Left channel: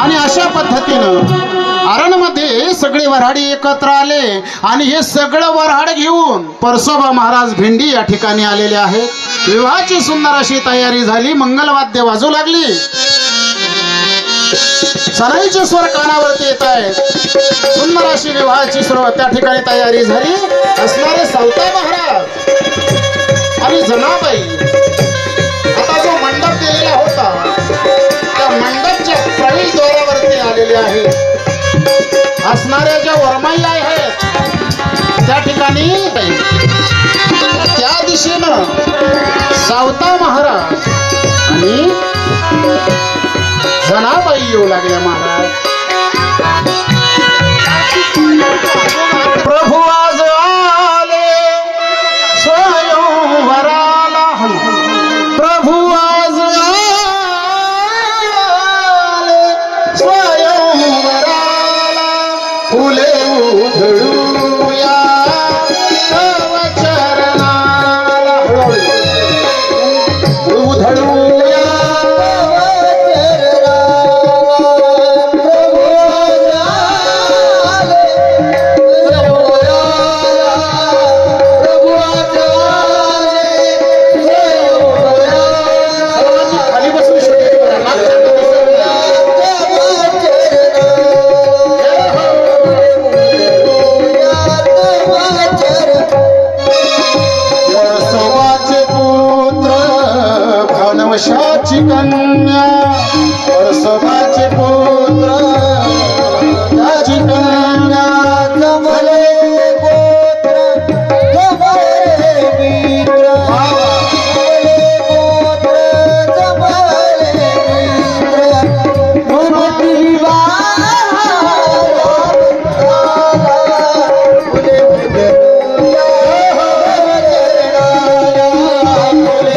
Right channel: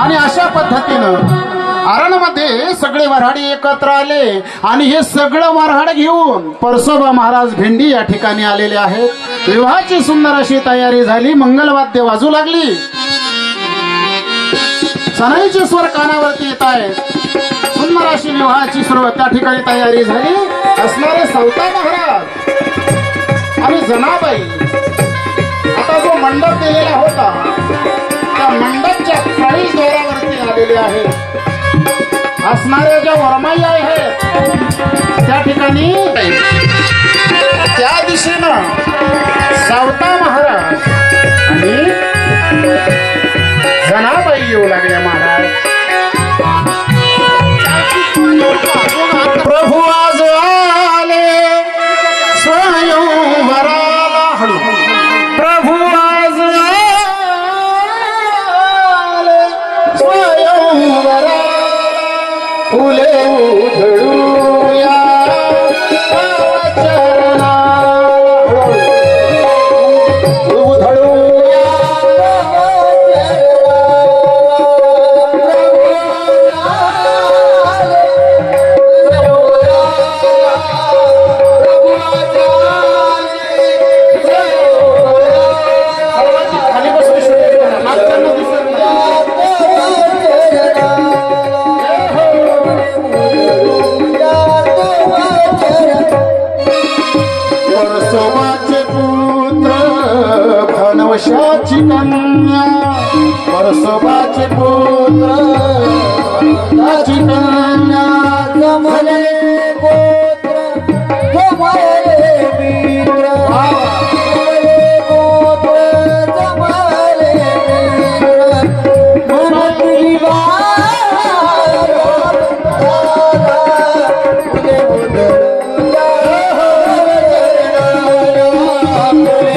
आणि अशा पद्धतीनं अरणमध्ये सगळे वऱ्हाडी एकत्र आले आणि हे सगळं वऱ्हाड घेऊन परसोबा महाराज भेंडी या ठिकाणी आलेले आहेत। विवाहाची सुंदर अशी तयारी झाली, मंगलवाद्य वाजू लागली, सणाईचे स्वर कानावरती येत आहेत, सुंदर अशी विवाहाची सर्व त्या ठिकाणी तयारी झाली। असणारे सौता महाराज आणि जनाबाई आता जो मंडप दिलेला होता त्या मंडपच्या प्रवेशद्वारावरती आलेले आहेत। असणाऱ्या ज्या वरमाई आहेत त्या ठिकाणी त्या दिशेनं सावता महाराज आणि जनाबाई येऊ लागल्या। महाराज प्रभू आज आले स्वयंवराला, हळू प्रभू आज आले स्वयंवराला, फुले उधळूया चरणाला, उधळूया वशाची कन्या, परसबाचे पुत्र त्याची कन्या, जमले पुत्र जमले मित्र, जमले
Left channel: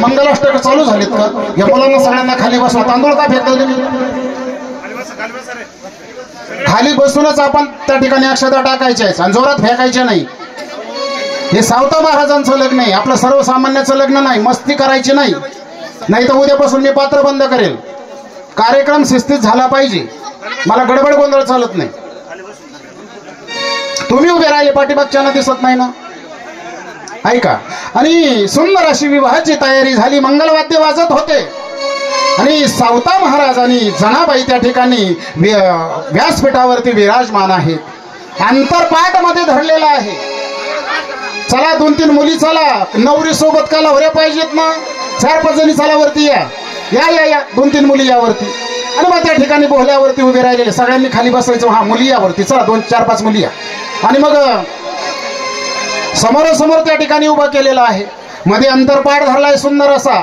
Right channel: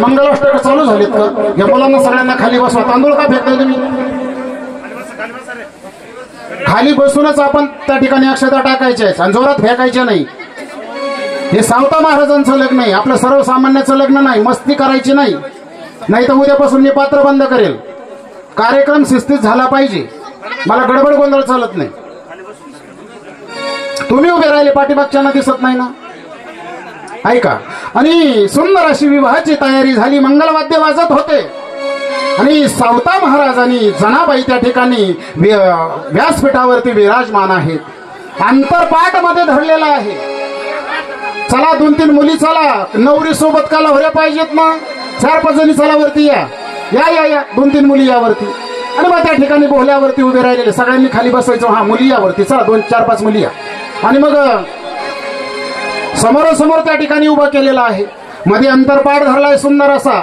मंगलाष्टक चालू झालीत का? या मुलांना सगळ्यांना खाली बसवा। तांदूळ का फेकताय तुम्ही? खाली बसूनच आपण त्या ठिकाणी अक्षता टाकायच्या आहेत आणि जोरात फेकायच्या नाही। हे सावता महाराजांचं लग्न आहे, आपलं सर्वसामान्याचं लग्न नाही। मस्ती करायची नाही, नाही तर उद्यापासून मी पात्र बंद करेल। कार्यक्रम शिस्तीत झाला पाहिजे, मला गडबड गोंधळ चालत नाही। तुम्ही उभे राहिले पाठीमागच्यांना दिसत नाही ना, ऐका। आणि सुंदर अशी विवाहाची तयारी झाली, मंगलवाद्य वाजत होते आणि सावता महाराज आणि जनाबाई त्या ठिकाणी व्यासपीठावरती विराजमान आहेत। अंतरपाठ मध्ये धरलेला आहे। चला 2-3 मुली चला, नवरी सोबत का लवऱ्या पाहिजेत ना, 4-5 जणी चला वरती या या या या 2-3 मुली यावरती। आणि मग त्या ठिकाणी बोहल्यावरती उभे राहिलेले सगळ्यांनी खाली बसायचं। हा मुली यावरती चला, 2-4-5 मुली या। आणि मग समोरासमोर त्या ठिकाणी उभा केलेला आहे, मध्ये अंतरपाठ धरलाय सुंदर असा।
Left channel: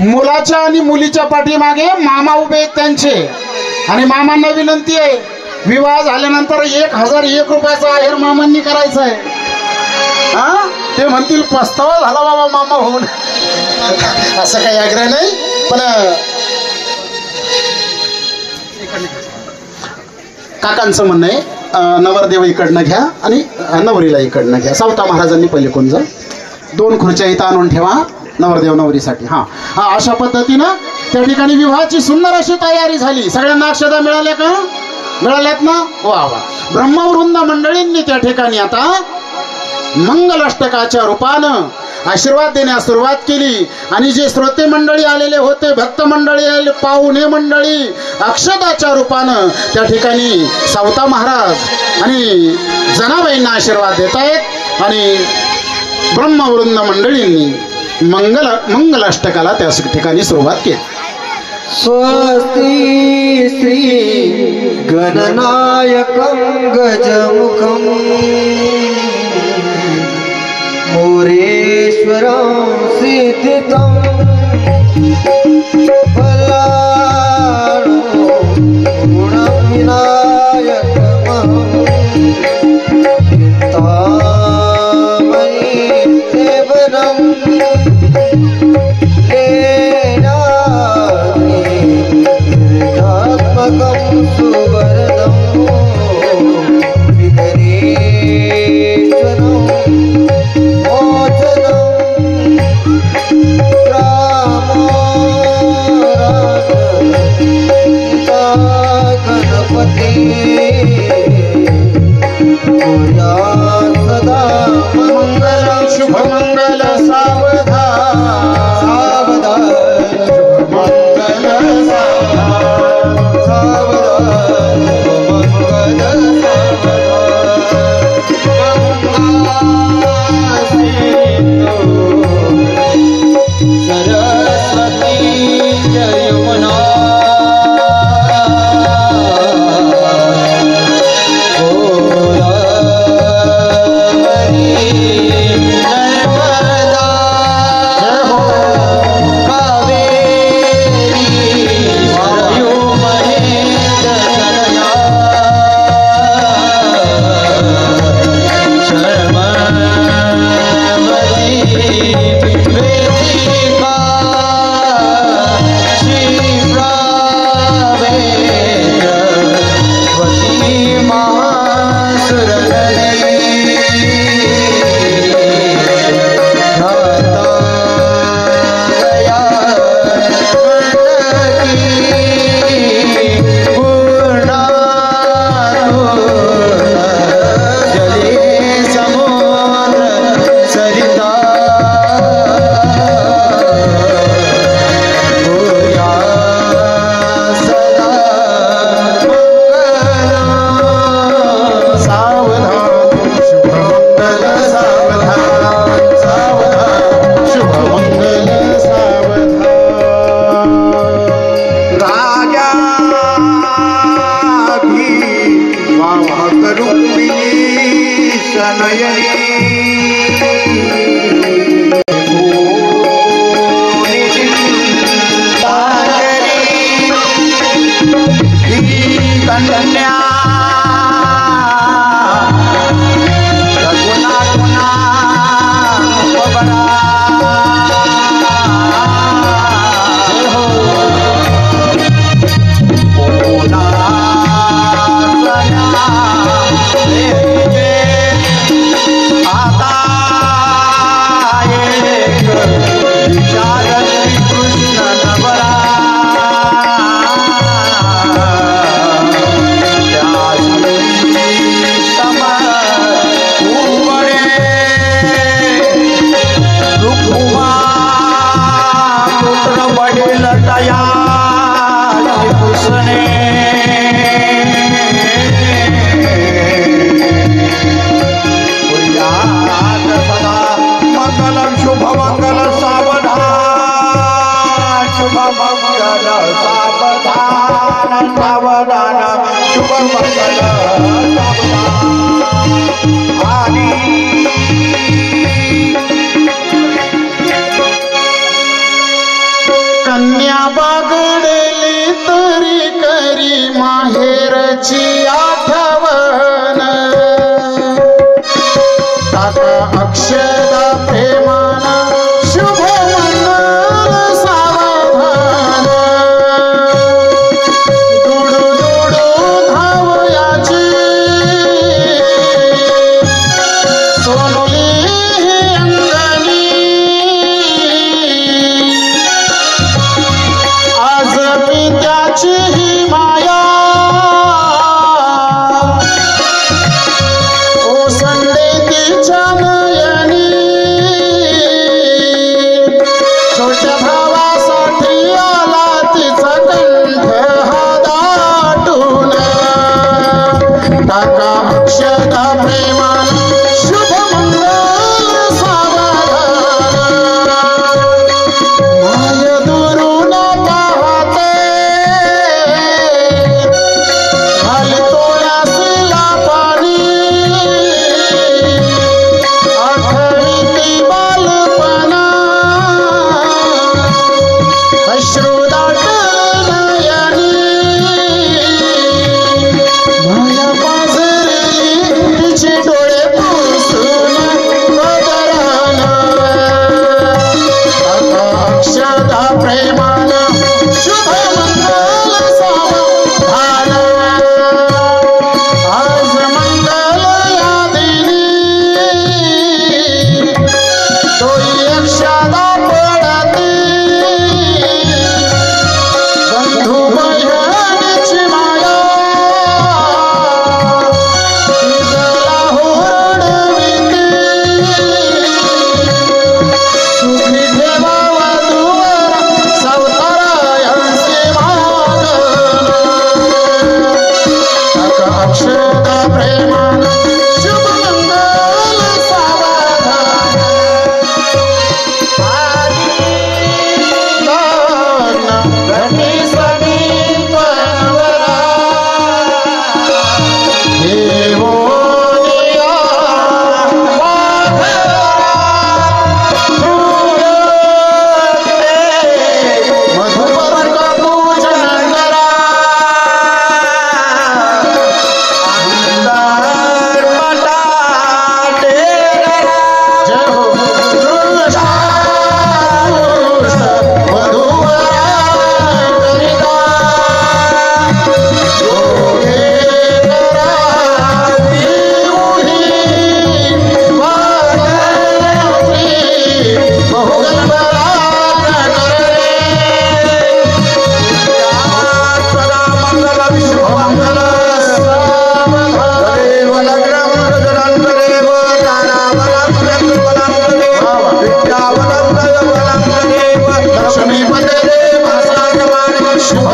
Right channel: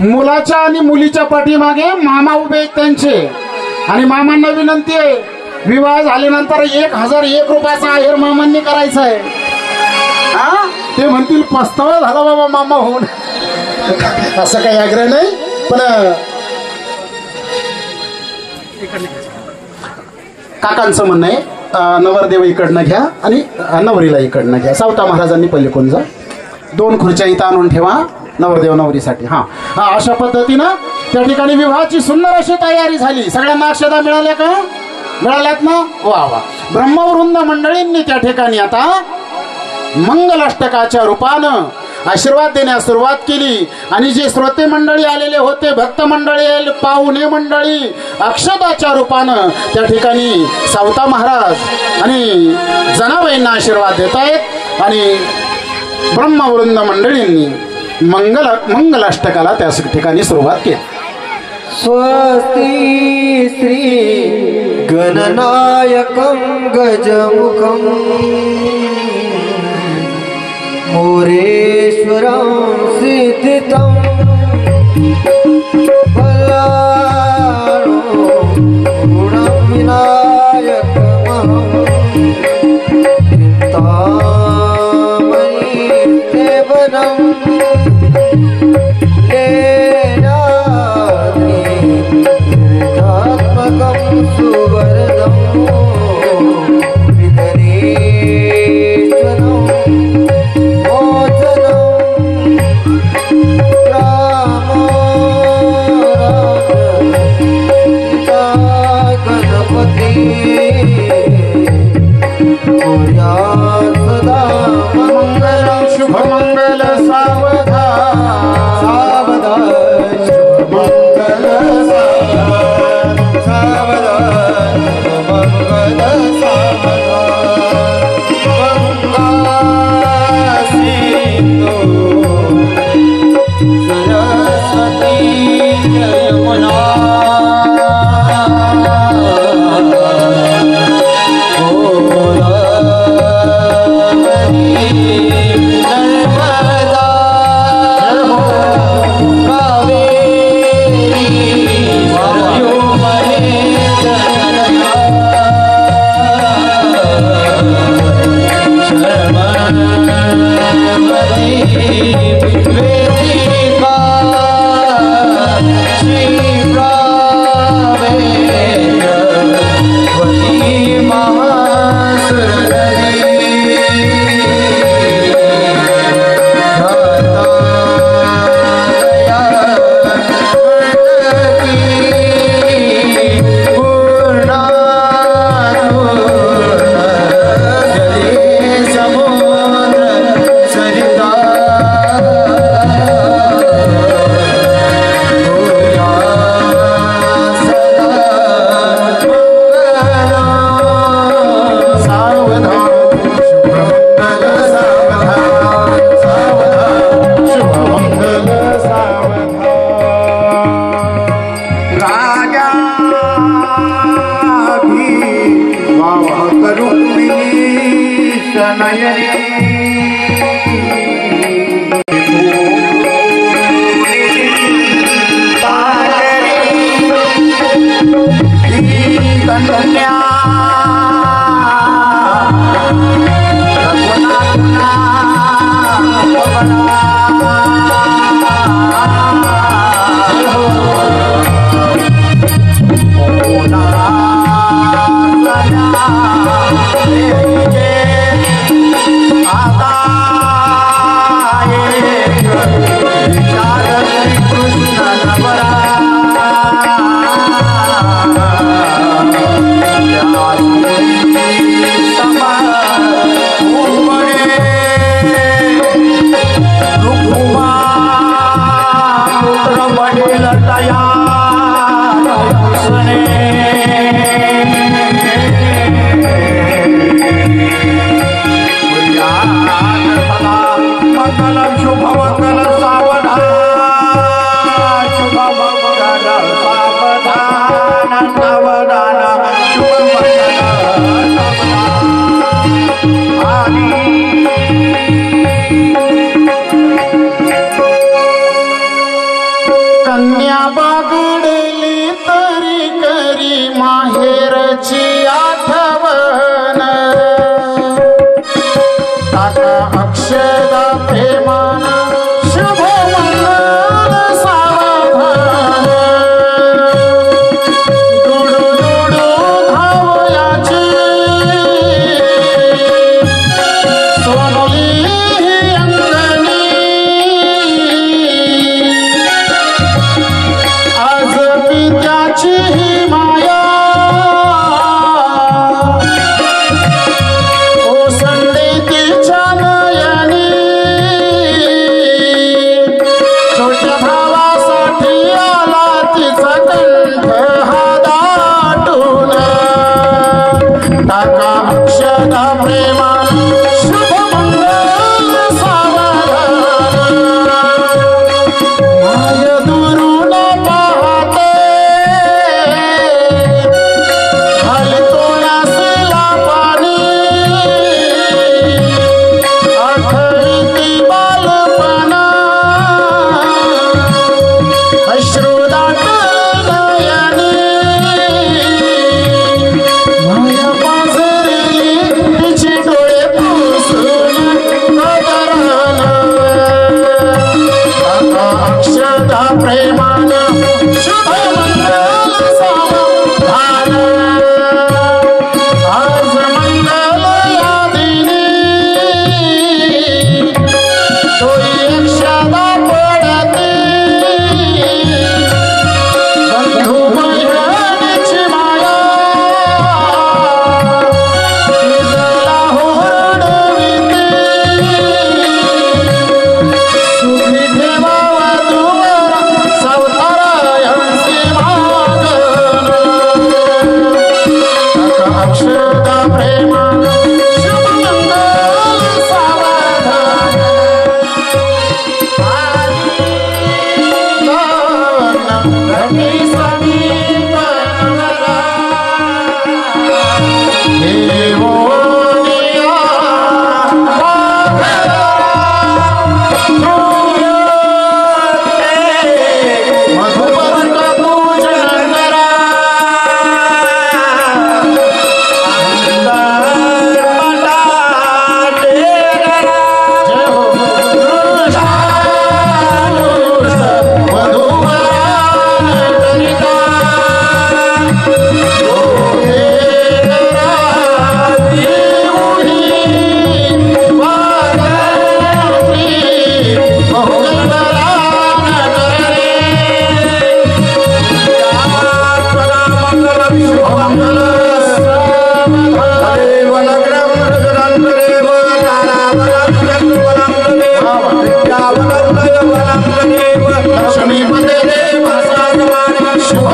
मुलाच्या आणि मुलीच्या पाठीमागे मामा उभे आहेत त्यांचे, आणि मामांना विनंती आहे विवाह झाल्यानंतर 1001 रुपयाचा आहेर मामांनी करायचा आहे। हा ते म्हणतील पस्तावा झाला बाबा मामा होऊन, असं काही आग्रह नाही, पण काकांचं म्हणणं आहे नवरदेव इकडनं घ्या आणि नवरीला इकडनं घ्या। सावता महाराजांनी पहिले कोण जा 2 खुर्च्या इथं आणून ठेवा नवरदेव नवरीसाठी. हा हा अशा पद्धतीनं त्या ठिकाणी विवाहाची सुंदर अशी तयारी झाली. सगळ्यांना अक्षता मिळाल्या का? मिळाल्यात ना? वा वा. ब्रह्मवृंद मंडळींनी त्या ठिकाणी आता मंगलाष्टकाच्या रूपानं आशीर्वाद देण्यास सुरुवात केली. आणि जे श्रोते मंडळी आलेले होते, भक्त मंडळी, पाहुणे मंडळी, अक्षताच्या रूपानं त्या ठिकाणी सावता महाराज आणि जनाबाईंना आशीर्वाद देत आहेत. आणि ब्रह्मवृंद मंडळींनी मंगलाष्टकाला त्या ठिकाणी सुरुवात केली. स्वस्ति श्री गणनायकं गजमुखं मोरेश्वरं सिद्धितं बलारो गुणविनायकमहं चिन्तामणि केवलं कन्या बागडली तरी करी माहेरची आठवण टाका अक्षदा प्रेमान शुभ मंगल सावधान दुडू दुडू धावयाची सोनली अंगणी अक्षता प्रेमान शुभ मंगल सावधान माय दुरून पाहते खाली तोळासला पाणी आठवती बालपणा अश्रुदाट नयनी माया पाझरली तिचे डोळे पुसून बदरान अक्षता प्रेमान शुभ मंगल सावधान आज मंगल या दिनी तोही अक्षता पडती बंधू बहिणीची माया तिजला हुरडविती सुखी ठेवावा दुवर सावतारायांचे माग अक्षता प्रेमान शुभ मंगल सावधान रमी समीप देवोनिया मधुपर पूजन करा जय हो शुभ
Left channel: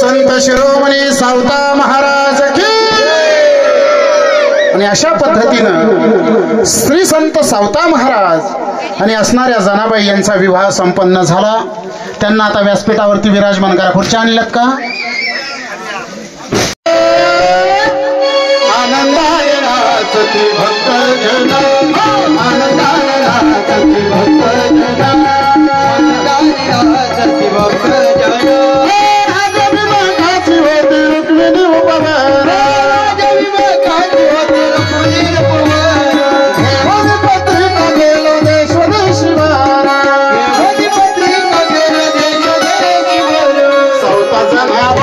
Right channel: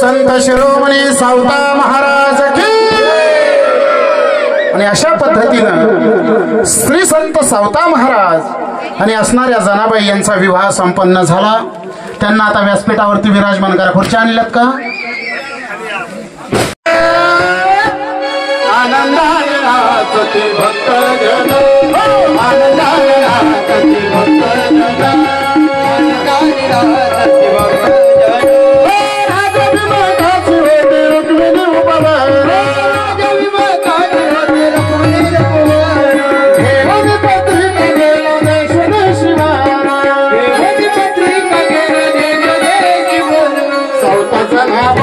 संत शिरोमणी सावता महाराज की आणि अशा पद्धतीनं श्री संत सावता महाराज आणि असणाऱ्या जनाबाई यांचा विवाह संपन्न झाला. त्यांना आता व्यासपीठावरती विराजमान करा. खुर्च्या आणल्यात का? आनंदाने नाचते भक्तजन, आनंदाने नाचते भक्तजन, आनंदाने नाचते भक्तजन. सावताचा नाव